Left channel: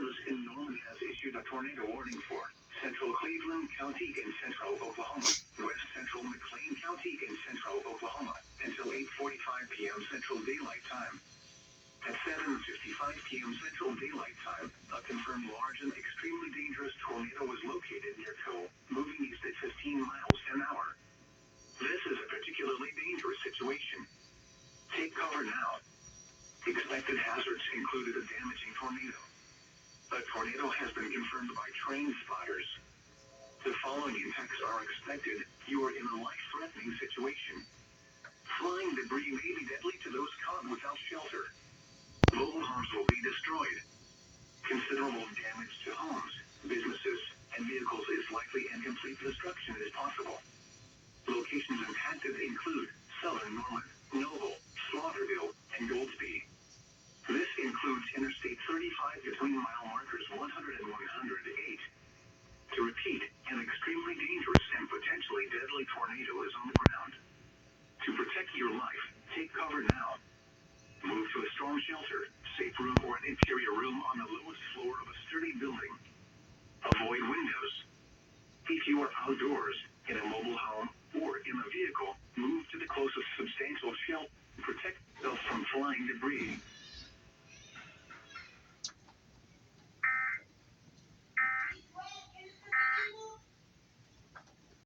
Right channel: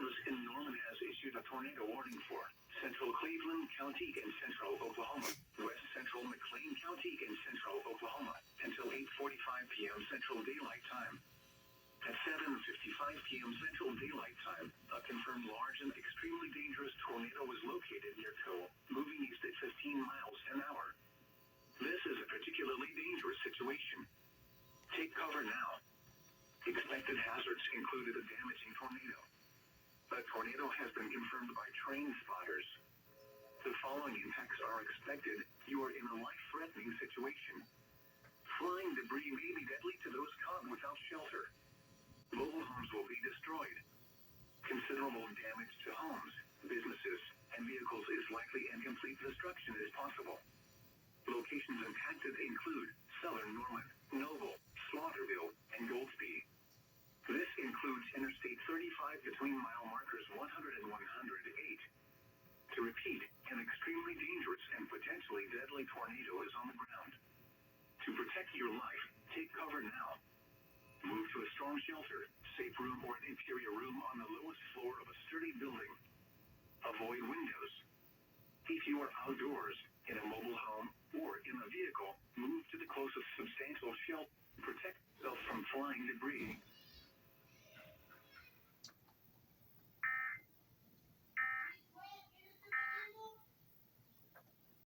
Service in Norman has issued a tornado warning for central Cleveland County in central Oklahoma, west central McLean County in central Oklahoma, until 8:45 p.m. Central Daylight Time. At 7:55 p.m. Central Daylight Time, a confirmed large and extremely dangerous tornado was located near Cole, moving east at 15 miles an hour. This is a particularly dangerous situation. Take cover now. Expected hazards included a damaging tornado. A tornado has been confirmed by train spotters. The following impacts are expected. You are in a life-threatening situation. Flying debris may be deadly to those caught without shelter. Mobile homes will be destroyed. Considerable damage to homes, businesses, and vehicles is likely, and complete destruction is possible. Locations impacted include Southern Norman, Noble, Slaughterville, and Goldsby. This includes Interstate 35 between mile markers 100 and 108. To repeat, an extremely dangerous and potentially deadly tornado is on the ground. To protect your life, take cover now. Move to a storm shelter, safe room, or an interior room on the lowest floor of a sturdy building. Avoid windows. If you are outdoors, in a mobile home, or in a vehicle, move to the closest substantial shelter. Protect yourself from flying debris.